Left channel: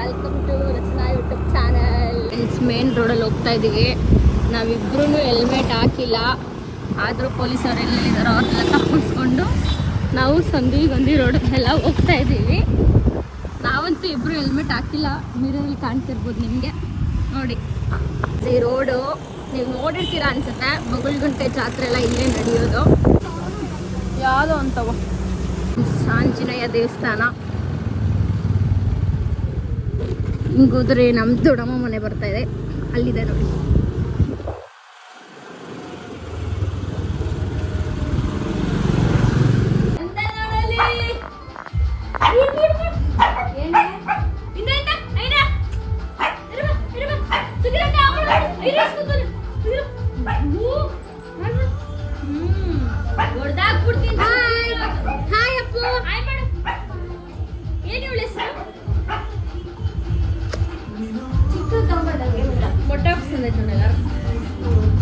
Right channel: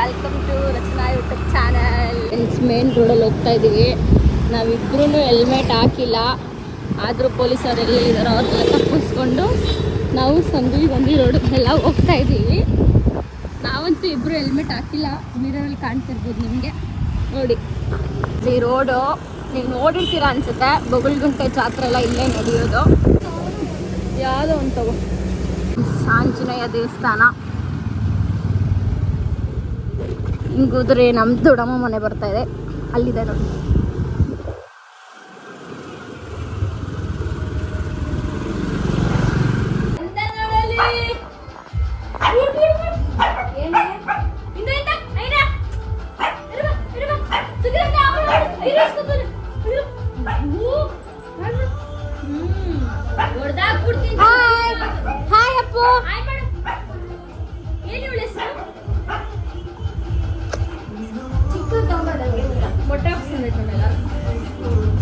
Welcome to Rachana YouTube channel. Main ರೋಡಲ್ಲಿ ಹೋಗ್ತಾ ಇದ್ದೀವಿ. ನಾವಿಬ್ರು ಹೆಲ್ಮೆಟ್ ಹಾಕಿಲ್ಲ, ಆದರೂ ಪೊಲೀಸರು ಎಲ್ಲಿದ್ದಾರೋ ಅವ್ರನ್ನೆಲ್ಲ ತಪ್ಪಿಸ್ಕೊಂಡು ನಾವು ಸಂದುವಿಗೊಂದಿ ರೋಡಲ್ಲೆಲ್ಲ ಹೋಗ್ತಾ ಇದ್ದೀವಿ. ನಾವಂತೂ ಇಬ್ಬರು ಹೆಲ್ಮೆಟ್ ಹಾಕಿಲ್ಲ, ಮಿರರಲ್ಲಿ ಕಾಣ್ತಿರ್ಬೋದು ನಿಮಗೆ ನೋಡಿ. ಈ ರೋಡು ನೀವು ನೋಡಿರ್ತೀರ ಅನ್ಸುತ್ತೆ. ಬೊಗಳ್ಗುಂಟೆ ಜಾತ್ರೆ ಎಲ್ಲ ಇಲ್ಲೇ ನಡೆಯೋದು. ಯಾವುದೋ ಅಂತವು ಆಂಜನೇಯ ದೇವಸ್ಥಾನ. ಹಿಂಗೋದ್ರೆ ನಮ್ಮ ದೊಡ್ಡಮ್ಮ ಮನೆ ಬರ್ತಾ ಇದೆ, ಅಲ್ಲಿದೆ ನೋಡಿ.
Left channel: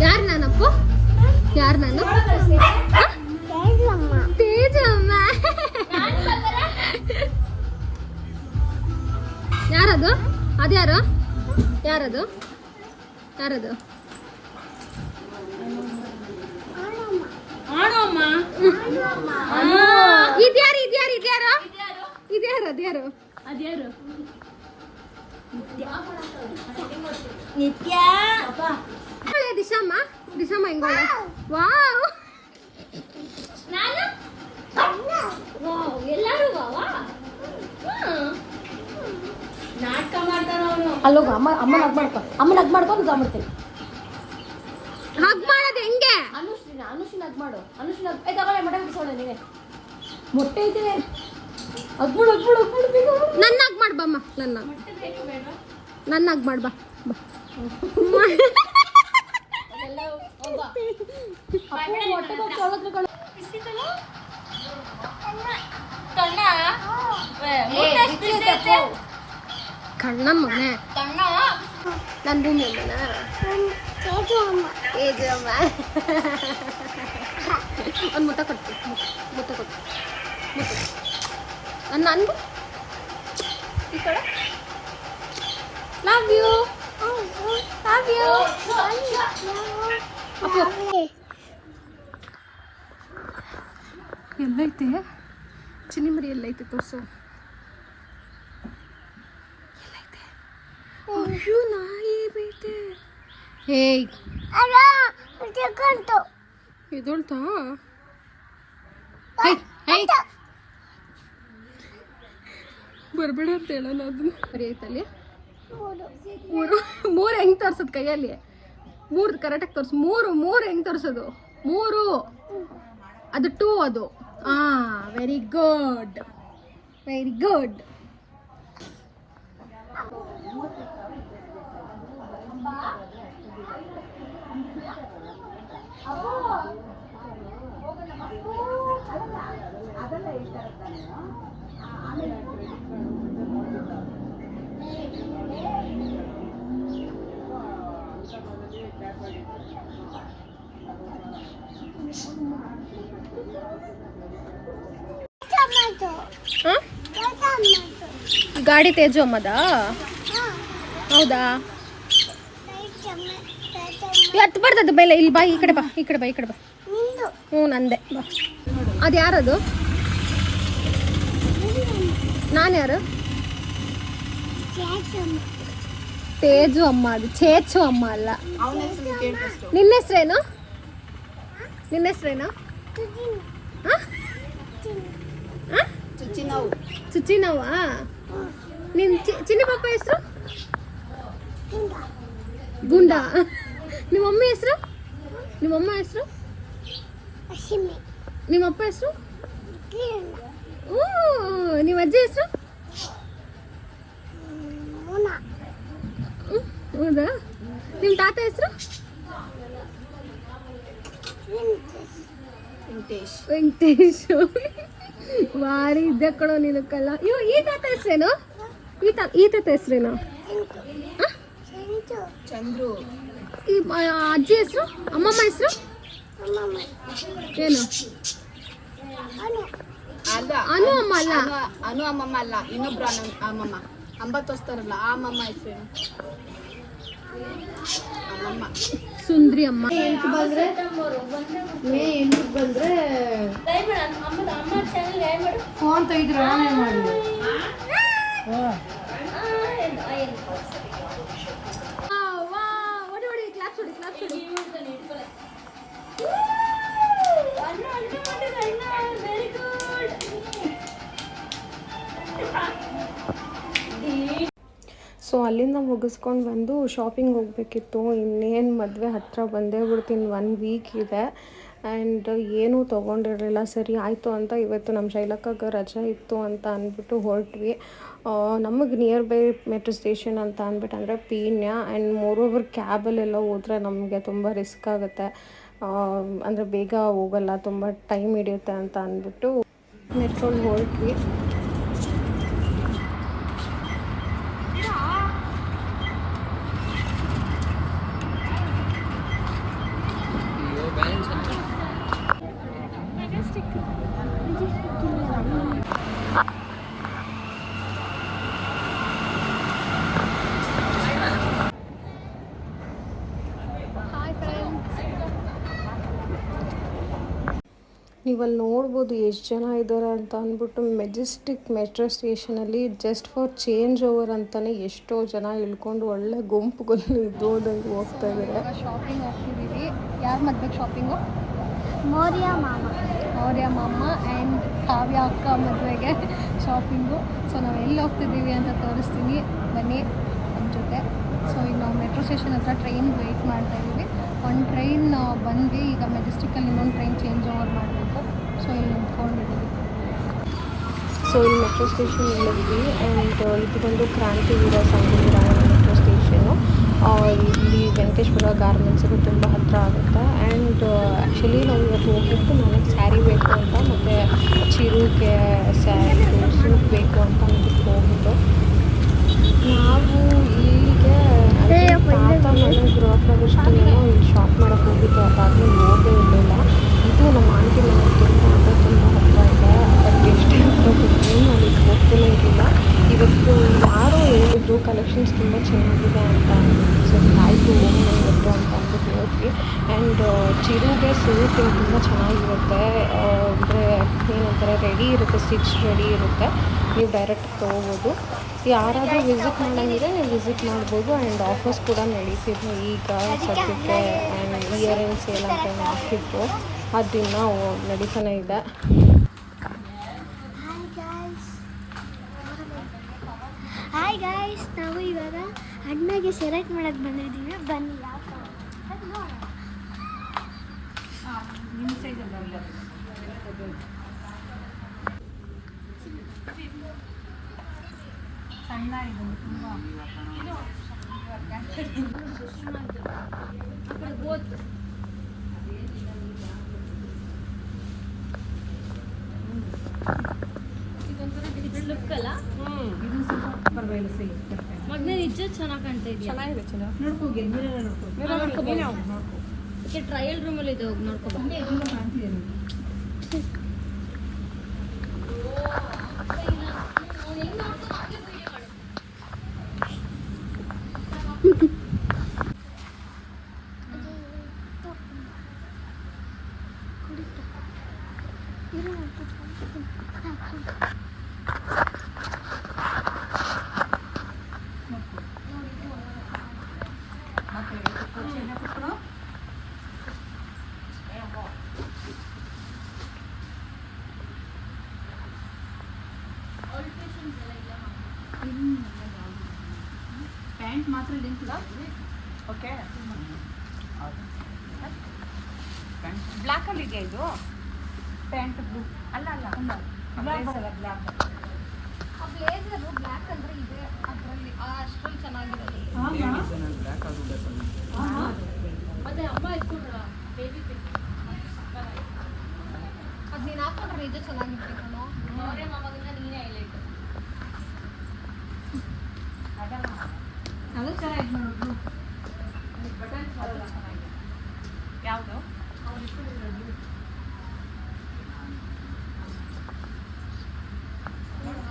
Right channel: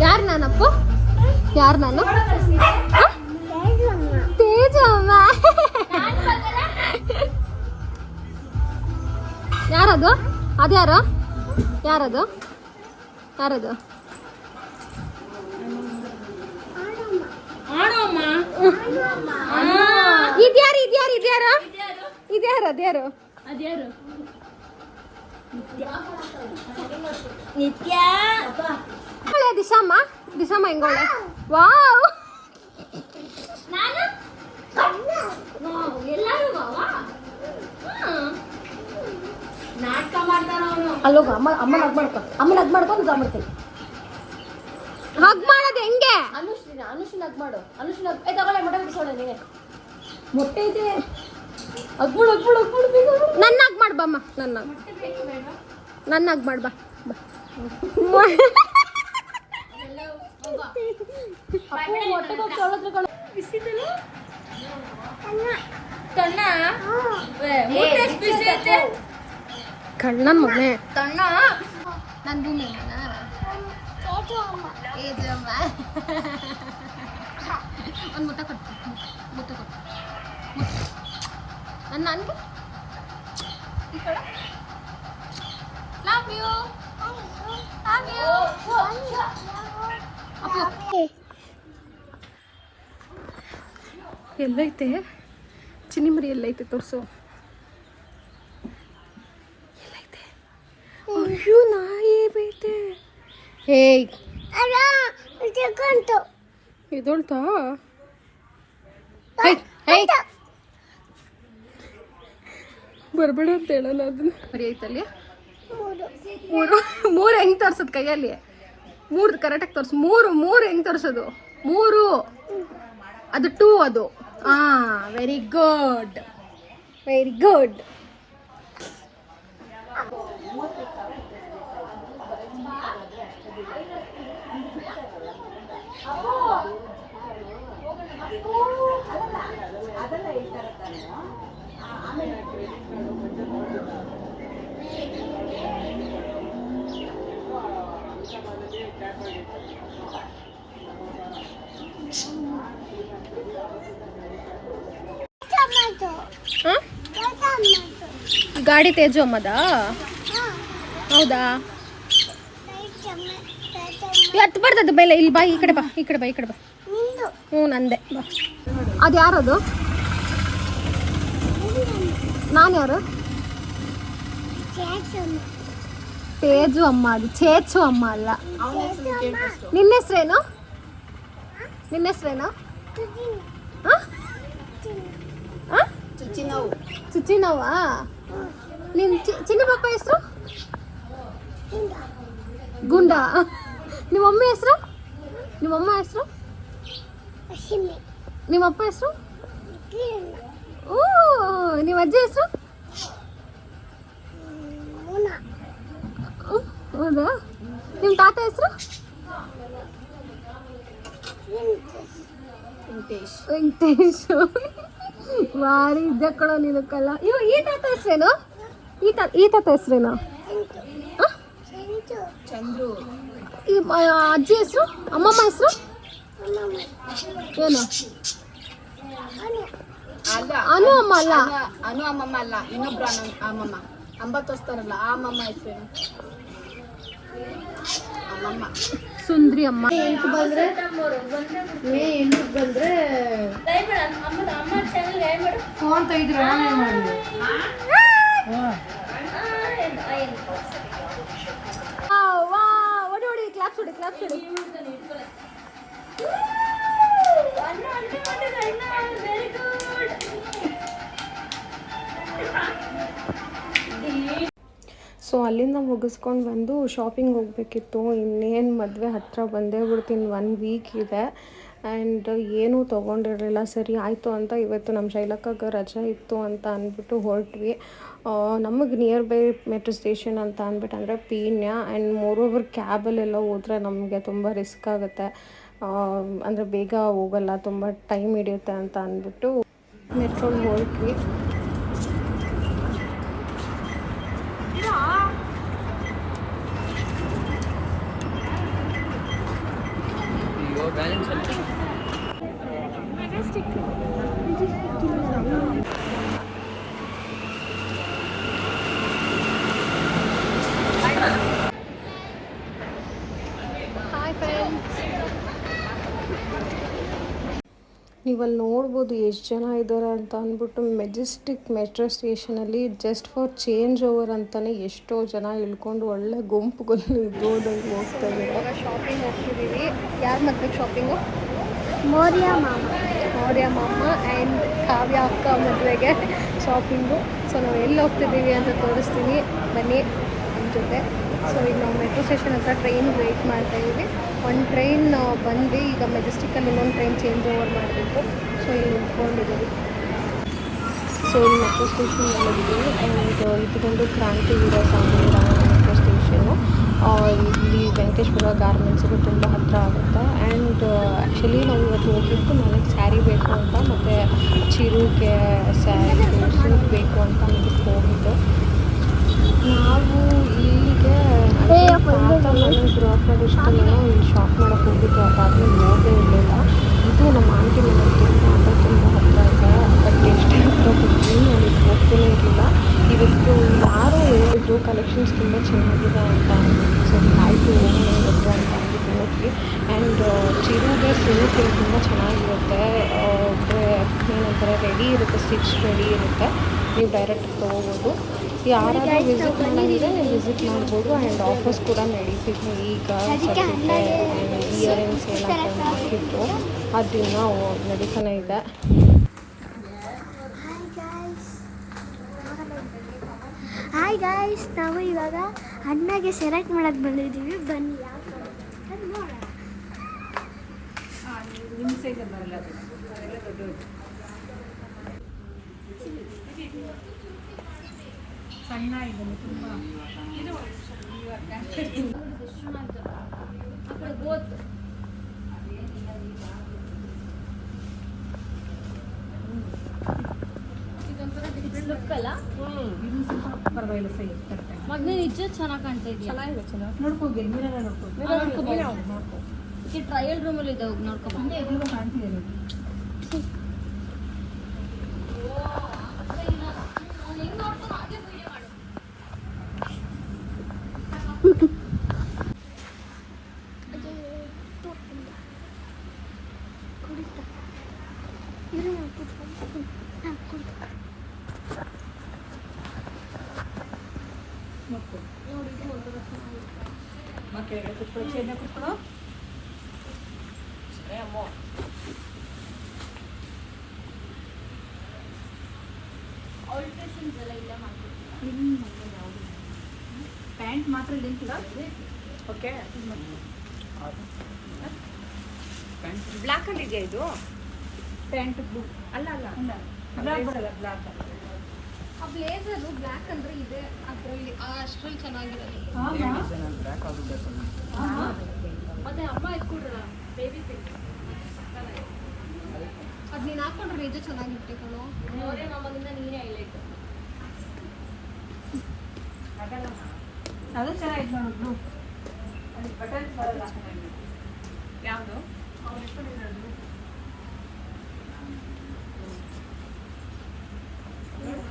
ಯಾರು ನಾನಪ್ಪ? ಯಾರು ನಾನು? ತೇಜಮ್ಮ. ಯಾರದು? ಅದ್ಯಾರು? ಯಾರದು? ಯಾರದು? ಇದ್ಯಾರು ಇದ್ಯಾರು ಇದ್ಯಾರು ಇದ್ಯಾರು ಅದ್ಯಾರು ಅದ್ಯಾರು? ನಿತ್ಯ ದಿಶಾಮ್ಮ. ದಿಶಾಮ್ಮ ಹೆಂಗೋಳೆ? ವಾವ್, ಎಲ್ಲರೂ ನಾಟಕ ಮಾಡ್ತಾರ. ಅಲ್ಲೋಗ ಅಮ್ಮ, ಅಮ್ಮನ ಹಗ್ ಮಾಡ್ಕೊ, ಅಮ್ಮನ ಹಗ್ ಮಾಡ್ಕೊಂಡು ಮಾಡ್ತೀನಿ. ಹಗ್ ಮಾಡೋದು ಹೆಂಗೆ? ಅನುಷ್ನ ಹಗ್ ಮಾಡು. ಅನುಷ್ನ ತಗೊಳ್ಳೆ, ಮೊಟ್ಟೆ ಬಿಡಿಸೋಣ. ನೀವೇ ಮೊಟ್ಟೆ ಇದೆ, ಹಗ್ಬಿಡು ಹಗ್ಬಿಡು ಹಗ್ಬಿಡು. ನನ್ನ ಹಗ್ ಮಾಡ್ಬಮ್ಮ, ನನ್ನ ಹಗ್ ಮಾಡ್ಬಾ. ಕಣ್ಣ ಮನೆ ನನ್ನ ಭೂಮಿ ಒಂದು ಮುತ್ತ ಕೊಡ್ತೀನಿ. ಮುತ್ತ ಕೊಟ್ಟು ನನ್ಗೂ ಈ ಕಡೆ ಲವ್ ಯು, ಲವ್ ಯು. ಎಲ್ಲೈತೆ ಚಿನ್ನಿಮರಿ? ಎಲ್ಲೈತೆ ತೋರಿಸು. ಎಲ್ಲೈತೆ? ಅಯ್ಯೋ, ನಾಯಿ ಬೈತೆ. ಹೇಯ್, ಇದೊಳ್ತಾ? ಬರ್ಬೇಡ ಅಂತ ಹೇಳೋಣ ಅದನ್ನ. ಸರಿ ಐತಲ್ಲಿ ಮೂರು ಹೆಂಗೆ ತೋರ್ಸೋದು ಕೈಯಲ್ಲಿ? ಮೂರು ಕರೆಕ್ಟಾಗಿ ತೋರಿಸು. ಮೂರು ಹೆಂಗೆ ತೋರಿಸೋದು? ಮೂರು, ಅದು 2 ಅದು. Very good, very good. ಗಾಡಿ ತೇಜು ಅಮ್ಮದಾ? ಹೌದಾ? ಹತ್ತು ಬರ್ತದ ಮೇಲೆ. ಇಲ್ಲಿ ಬಾ, ಈ ಕಡೆ ಬಾ, ಈ ಕಡೆ ಬಾ, ಈ ಕಡೆ ಬಾ. ಹ್ಞೂ, ನಂದೆ ಬಾ. ಅದು ಯಾರದು? ನಾನು ಯಾರು? ತೇಜು ಅಮ್ಮ. ಅದು ಚೇಚು ಅಮ್ಮ ಅಲ್ಲ. ನಿನ್ನ ಹೆಸ್ರೇನು? ನಿನ್ನ ಹೆಸ್ರೇನು? ಚುಚಿನವ್ವಾ? ನಿನ್ ಚಿನ್ನ ಪಾಪ ಹೆಸರು? ಗುಂಡ. ನಿಮ್ಮಮ್ಮ ಹೆಸರು? ನಿಮ್ಮಮ್ಮ ಹೆಸರು? ನಿಮ್ಮಪ್ಪ ಹೆಸರು? ಓ, ನಿಮ್ಮ ಅಜ್ಜಿ ಹೆಸರು? ಹೌದಾ? ನಿಮ್ಮ ತಾತ ಹೆಸರು? ವೆಂಕಟೇಶ್. ವಾರಿ ಇದ್ದ ಕಣೋ ನೀನು ಕಲ್ಲ. ಈ ತಾತ ಹೆಸರೇನು? ಈ ತಾತ ಹೆಸರೇನು? ಚಂದ್ರು. ಈ ಅಜ್ಜಿ ಹೆಸರು? ಅಮ್ಮಮ್ಮ ಹೆಸರು ಏನು? ಅನು ಅಮ್ಮ ಅಲ್ಲ. ಅನು ಅಮ್ಮಮ್ಮ ಅಲ್ಲ, ಇನ್ನೊಬ್ರು ಅಮ್ಮಮ್ಮ. ಅಂಬತ್ತು ವಸ್ತಾರಲ್ಲ ಆ ಅಮ್ಮಮ್ಮ ಹೆಸರೇನು? ಅಮ್ಮಮ್ಮ ಸುಂದ್ರಿ ಅಮ್ಮ. ಬಂದ್ರೆ ಮೇ 8 ಬಂದ್ರೆ ಫೋನ್ ತೆಗಿದ್ರೆ ನಾನೇ ಮಾಡಲಿ. ಸೊ ಅಲ್ಲಿಂದ ಮುಗಿಸ್ಕೊಂಡು ಬಂದು ಶಾಪಿಂಗ್ ಹೋಗಬೇಕಿತ್ತು. ಇನ್ನೇನು ಮದುವೆ ಹತ್ತಿರ ಬಂದೇ ಬಿಡ್ತೀನಿ, 1 ವೀಕ್ ಇದೆ. ಆ್ಯಂಡ್ ಏನೂ ತೊಗೊಂಡಿರಲಿಲ್ಲ. ಸರಿ ಆಯಿತು ಅಂತ ಇವತ್ತು ನಮ್ಮ ಶೈಲಕ್ಕಾಗ ರಜೆ ಇತ್ತು ಅಂತ ಅಂದ್ಬಿಟ್ಟು ಹೊರಟ್ವಿ. ನಮಗೆ ನಿಯರ್ ಬೈ ಮೆಟ್ರೋ ಸ್ಟೇಷನ್ ಅಂತ ಅಂದ್ಬಿಟ್ಟು ಅಂದರೆ ಪೀಣ್ಯ. ಆ್ಯಂಡ್ ಮೋರೋವರ್ ಕ್ಯಾಬಲ್ಲೆಲ್ಲ ಹೋದರೆ ನಮಗೆ ತುಂಬ ರಿಸ್ಕ್ ಆಗುತ್ತೆ, ಅಂದರೆ ಬೇಗ ಹೋಗಲ್ಲ, ತುಂಬ ಟೈಮ್ ಹಿಡಿಯುತ್ತೆ ಅಂತ ಅಂದ್ಬಿಟ್ಟು ಮೆಟ್ರೋಲ್ಲಿ ಹೊರಟ್ವಿ. ನೀವಲ್ಲಿ ನೋಡ್ಬೋದು ಎಷ್ಟು ಜನ ಇದ್ದಾರೆ ಅಂತ ಅಂದ್ಬಿಟ್ಟು. ಮೆಜೆಸ್ಟಿಕ್ ಮೆಟ್ರೋ ಸ್ಟೇಷನಲ್ಲಿ ಜಸ್ಟ್ ಫಾರ್ ಚೇಂಜ್ ಓವರ್ ಅಂತಲೇ ಎಷ್ಟೋ ಜನ ಇಳ್ಕೊಂಡು ಒಳ್ಳೆ ಗುಂಪುಗಳು ಇದ್ದೋದಂಗೆ ಹೋಗ್ತಾ ಇದ್ದಾರೆ. ಶಾಪಿಂಗ್ ಹೋಗ್ತಿದ್ದೀವಿ. ಯಾರು ಮದುವೆಗೆ ಶಾಪಿಂಗು? ಮೌರ್ಯ ಮಾಮ ಆ್ಯಂಡ್ ಕಾವ್ಯ ಅಕ್ಕ ಮದುವೆಗೆ ಶಾಪಿಂಗು. ಸೊ ನಾವು ಎಲ್ಲಿ ಹೋಗ್ತಿದ್ದೀವಿ ಅಂತ ತೋರಿಸ್ತೀನಿ, ಬನ್ನಿ ನಮ್ಮ ಜೊತೆ. ಸೊ ಈಗ ನಾವು ಮೆಟ್ರೋ ಸ್ಟೇಷನ್ ಹತ್ರ ಟ್ರೈನ್ ವೆಯ್ಟ್ ಮಾಡ್ತಾಯಿದ್ದೀವಿ. ಒಂದು ಟ್ರೈನ್ ಬಂದು ಈಗ ಮೆಜೆಸ್ಟಿಕಲ್ಲಿ ಇನ್ನೊಂದು ಟ್ರೈನ್ ಚೇಂಜ್ ಓವರ್ ಮಾಡಬೇಕು. ಸೊ ಇಲ್ಲಿ ನಿಂತ್ಕೊಂಡಿದ್ದೀವಿ. ಸೊ ಇಲ್ಲಿ ಮೆಟ್ರೋ ಸ್ಟೇಷನ್ ಹೇಳಿದ್ವಿ. ಆ್ಯಂಡ್ ಇದು ಬಂದು ಕ್ರಾಂತಿವೀರ ಸಂಗೊಳ್ಳಿ ರಾಯಣ್ಣ ಮೆಟ್ರೋ ಸ್ಟೇಷನ್ನು. ಇಲ್ಲಿ ವೆಂಕಟೇಶ್ವರ ಗಾರ್ಮೆಂಟ್ಸಿಗೆ ತುಂಬ ಹತ್ತಿರ ಆಗುತ್ತೆ. ಆ್ಯಂಡ್ ಆ್ಯಕ್ಚುಲಿ ನಾವು ಇವತ್ತು ಹೋಗಿದ್ದು ನನಗೆ ಸ್ಯಾರಿ ಬೇಕು ಅಂತ, ಮತ್ತು ಚಿರುಗೆ ಸ್ಯಾರಿದು ಸೂಟ್ ಬೇಕು ಅಂತ ಅಂದ್ಬಿಟ್ಟು ಹೋಗಿದ್ದು. ನಾವು ಇಲ್ಲಿಗೆ ತಾತ ಮನೆ ಗೃಹ ಪ್ರವೇಶದಲ್ಲೇನೋ ಇಲ್ಲಿ ಶಾಪ್ ಮಾಡೋಕ್ಕೆ ಹೋಗಿದ್ದು. ಅದಾದಮೇಲೆ ಹೋಗೇ ಇರಲಿಲ್ಲ. ಇದು ನಮ್ಮ ಆಂಟಿ ಮನೆ ತುಂಬ ಹತ್ತಿರ ಇದೆ. ಬಟ್ ಎಷ್ಟೇ ಹತ್ತಿರ ಬರ್ತೀನಿ ನಾನು ಇದು ಹೋಗ್ತಾನೆ ಇರಲಿಲ್ಲ. ಇವತ್ತು ಯಾರೋ ಹೇಳಿದ್ರು ಕಲೆಕ್ಷನ್ಸ್ ತುಂಬ ಚೆನ್ನಾಗಿದೆ ಅಂತ ಅಂದ್ಬಿಟ್ಟು. ಸರಿ ಆಯಿತು ಹೋಗೋಣ ಇವತ್ತು ಅಂತ ಅಂದ್ಬಿಟ್ಟು ಹೋದ್ವಿ. ಆ್ಯಂಡ್ ಚಿರುಗೆ ಸೂಟ್ ತುಂಬ ಚೆನ್ನಾಗಿರುತ್ತೆ. ಅಂದರೆ ಏನಂತಾರೆ, ರೆಡಿ ಇರುತ್ತೆ, ಸ್ಟಿಚ್ ರೆಡಿ ಇರುತ್ತೆ. ನೀವು ಡೈರೆಕ್ಟ್ ತೊಗೋಬೋದು. ಯಾರಾದರೂ ವಿಸಿಟ್ ಮಾಡೋಂಗಿದ್ರೆ ನೀವು ವಿಸಿಟ್ ಮಾಡ್ಬೋದು. ಆ್ಯಂಡ್ ಆಫರ್ಸ್ ಕೂಡ ನಡೀತಿದ್ವು ಈಗ ಸದ್ಯಕ್ಕೆ. ಆ್ಯಂಡ್ ಇಯರಿಂಗ್ ಸೇಲ್ ಅಂತ ಏನೋ ಹಾಕಿದ್ರು, ಅದನ್ನು ನಡೀತಾನೆ ಇದೆ. ಹಾಯ್ ಗಾಯ್ಸ್, ನಾವು ಇವಾಗ ಅಣ್ಣಗೆ ಸೆಲೆಕ್ಟ್ ಮಾಡಕ್ಕೆ ಬಂದಿದ್ದೀವಿ. ಬನ್ನಿ ನೋಡೋಣ. ಸಣ್ಣ ಇದನ್ನು ತುಂಬ ಇದೊಂಥರ ಡಿಫ್ರೆಂಟ್ ಲುಕ್ ಅಲ್ಲ. ಇದು ಸ್ವಲ್ಪ ಪರವಾಗಿಲ್ಲ, ಸೈ ಮೊದಲೇ ನಿಜ ಚೆನ್ನಾಗಿ ಕಾಣ್ತಾ ಇದೆಯಾ? ಚೆನ್ನಾಗಿದೆ, ಚೆನ್ನಾಗಿ ನೋಡ್ಕೋಗಿ ನೋಡ್ಕೋ. ಟ್ರಯಲ್ ರೂಮಲ್ಲಿ ಇದೆ, ನೋಡ್ಕೊ. ಕಾಣ್ತಿದೆ ನೋಡಿ. ಪ್ಯಾಂಟ್ ಮಾತ್ರ ಲಿಂಕ್ ಓಕೆ. ಬ್ಲ್ಯಾಕಲ್ಲಿ ಇದೆಯಾ ಇದು ಪ್ಯಾಂಟ್? ಬ್ಲೂ ಅಲ್ಲ ಬ್ಲ್ಯಾಕ್. ಬ್ಲೇಸರು ಬ್ಲ್ಯಾಕ್ ಅಂದರೆ ಇದೆ ಅದರಲ್ಲಿ, ಅಷ್ಟರಲ್ಲಿ ಚೆನ್ನಾಗಿರೋದು. ಮತ್ತೆ ಅಮ್ಮ ಇಟ್ಕೊಂಡ್ರಲ್ಲ ಬೇಬಿ ಪಿಕ್, ಅದು ನೀನು ಹಾಕೊಂಡ್ರೆ ನಿಜ ಚೆನ್ನಾಗಿರುತ್ತೆ ಕಣೋ. ಅವರೇ ಮಾಮಗಿಂತ ನೀನೇ ಹೈಲೈಟ್. ಅದು ಚೆನ್ನಾಗಿ ನೋಡು. ಬಟನ್ಸ್ ಬರಲ್ಲ, ಚೆನ್ನಾಗಿದೆ. ಯಾವುದು?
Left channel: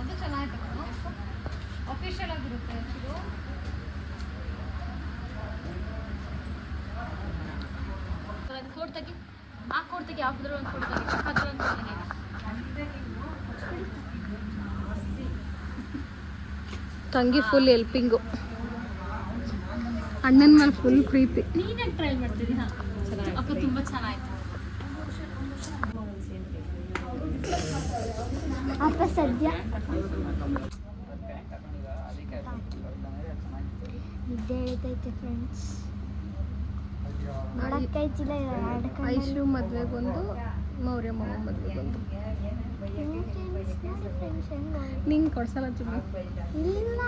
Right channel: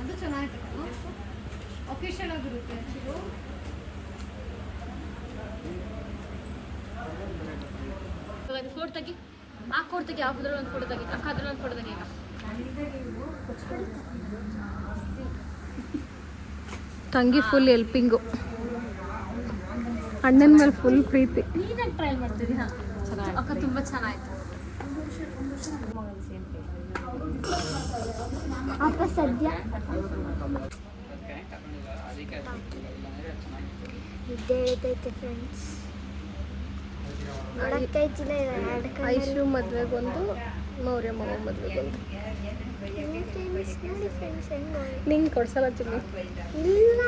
ಅದು ಚೆನ್ನಾಗಿದೆ. ಓಕೆ ಆರ್ಟಿಫಿಷಿಯಲ್ ಆಗಿರುತ್ತೆ ಒಂದು ಕೋಡ್ ತೆಗಿ, ಆ ಕೋಡ್ ತೆಗಿ, ಯಾವುದ್ರಲ್ಲಿ ಒಂದು ಕೋಡ್ ತೆಗಿ, ಅದ್ರಲ್ಲಿ ಒಂದು ಕೋಡ್ ತೆಗಿ. ತಂಗಿ ಫುಲ್ ಹೆಲ್ಪಿಂಗು, ಅಣ್ಣನ ಮೇಲೆ ಫುಲ್ ಪ್ರೀತಿ. ನೀನೇ ಟ್ರೈ ಮಾಡ್ತಿದ್ದೀಯ ಅಕ್ಕ, ತುಂಬ ಚೆನ್ನಾಗಿತ್ತು. ಅಕ್ಕ ಸದ್ಯ ನಿದ್ದೆ ಹೇಳ್ತೈತೆ ಫ್ರೆಂಡ್ಸ್. ನೋಡಕ್ಕೈತಿಲ್ಲ ಐಶು ಮದ್ವೆಗೊಂದು, ಮೌರ್ಯ ಮಾವ ಮದ್ವೆಗೊಂದು. ನೋಡಿ ಫ್ರೆಂಡ್ಸ್ ಹೆಂಗೆ ನಿಂಗೆ ಕೊಡ್ಸಲ್ಲ ಚಿನ್ನಿ. ಇಲ್ಲ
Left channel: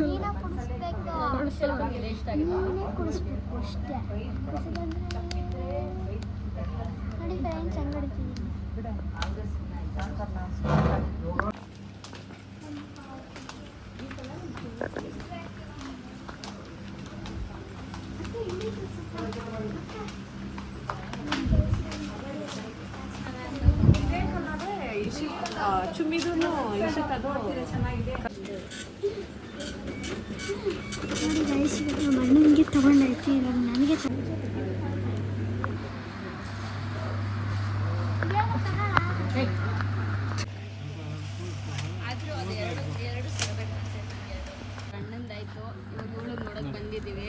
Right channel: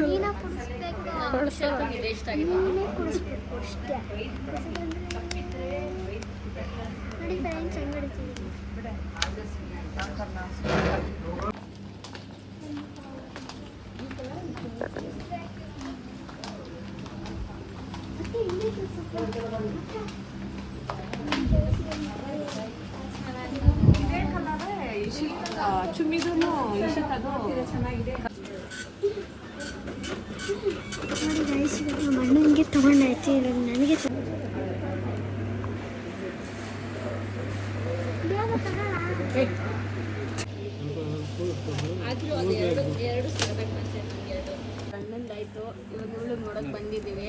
ನೀನೇ ಕುಡಿಸ್ಬೇಕು, ಇದೆ ಇಷ್ಟ ಆಗಿದೆ. ನೀನೇ ಕುಡಿಸ್ಬೇಕು ಅಷ್ಟೇ. ನೋಡಿ ಫ್ರೆಂಡ್ಸ್ ಹೆಂಗೆ ಹೊಡಿತಿದ್ದೀನಿ. ನೋಡಿ ಗೈಸ್, ನಮ್ಮ ಅಣ್ಣನಿಗೆ ತಗೊಂಡಾಯ್ತು, ಇವಾಗ ನನಗೆ ಆದರೂ ಅದು ಎರಡು ಸಿಗಬೇಕು ಮತ್ತೆ ನನಗೆ. ಗಂಡಂದಾಯ್ತು, ಇವಾಗ ಇವಳು ನೋಡೋಕೆ ಬಂದಿದ್ದೀವಿ.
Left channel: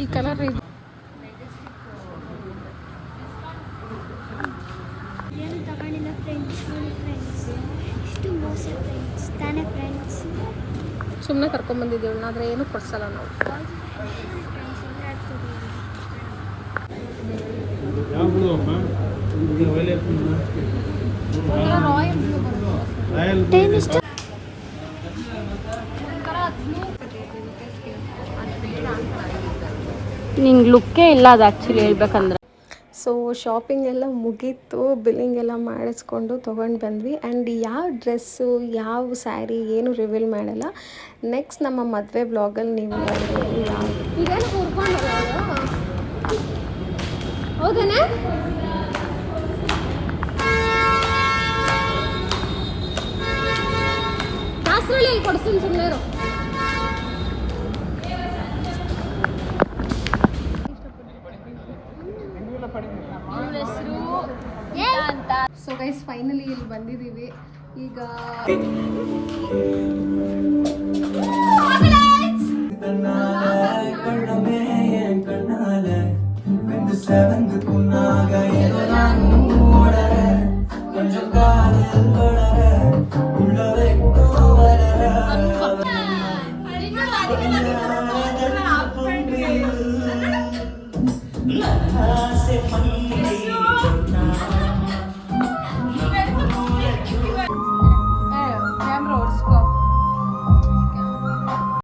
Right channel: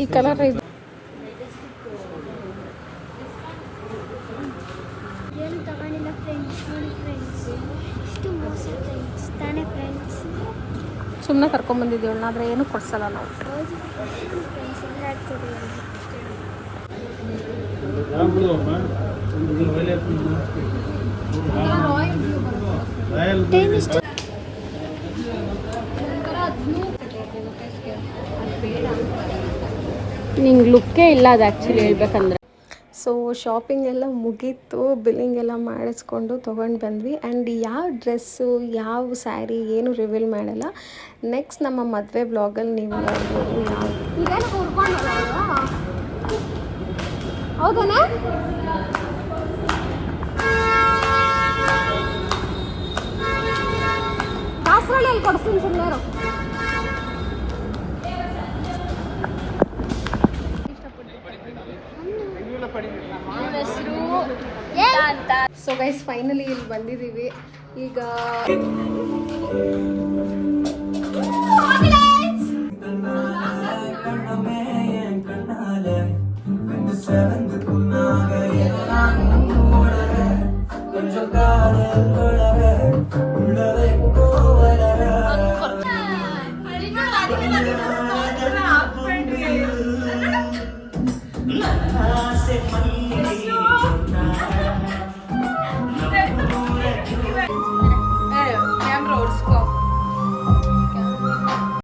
ಈ ಕಲರ್ ಇದು ಏನು ತಗೊಂಡಿಲ್ಲ ಫ್ರೆಂಡ್ಸ್. ನೋಡಿ ಫ್ರೆಂಡ್ಸ್, ಇಷ್ಟು ಮೋಸ ಫ್ರೆಂಡ್ಸ್ ತಾನೇ ಫ್ರೆಂಡ್ಸ್. ಸುಮ್ಮನೆ ಕರ್ಕೊಂಡ್ಬಂದಿದ್ದೀವಿ, ಆದರೆ ಏನು ಕೊಡ್ಸಲ್ಲ ನಾವು. ಹೌದು ಫ್ರೆಂಡ್ಸ್, ಆಡ್ತೀವಿ. ಟೈಮ್ ಇಷ್ಟು ನಿಂಗೆ ಲುಕ್ಕೇ ಇಲ್ಲ ಅದು ಆ್ಯಕ್ಚುಲಿ ಹೇಳ್ಬೇಕಂದ್ರೆ. ಸೊ ಶಾಪಿಂಗ್ ಎಲ್ಲ ಮುಗೀತು, ಬಿಲ್ಲಿಂಗ್ ಎಲ್ಲ ಮಾಡಿಸ್ಕೊಂಡು ತೊಗೊಂಡು ಬಂದ್ವಿ. ಆ್ಯಂಡ್ ಯಾವ ಡ್ರೆಸ್ಸು, ಯಾವ ಸ್ಯಾರಿ ಏನು ರಿವೀಲ್ ಮಾಡಲ್ಲ. ನೆಕ್ಸ್ಟ್ ನಮ್ಮ ಮದುವೆ ಬ್ಲಾಗಲ್ಲಿ ನೀವು ನೋಡ್ಬೋದು ಯಾವುದು. ಹೌದೇನೆ? ದಾಸರಳ್ಳಿಯಲ್ಲಿ ಕೊಡಿಸ್ತೀನಿ ಸುಮ್ಮನೆ. ಹೆಸರು ಅಂತ. ಸೊ ಗೈಸ್, ಫೈನಲಿ ಇಲ್ಲಿ ಬಂದಿದ್ದೀವಿ. ಈಗ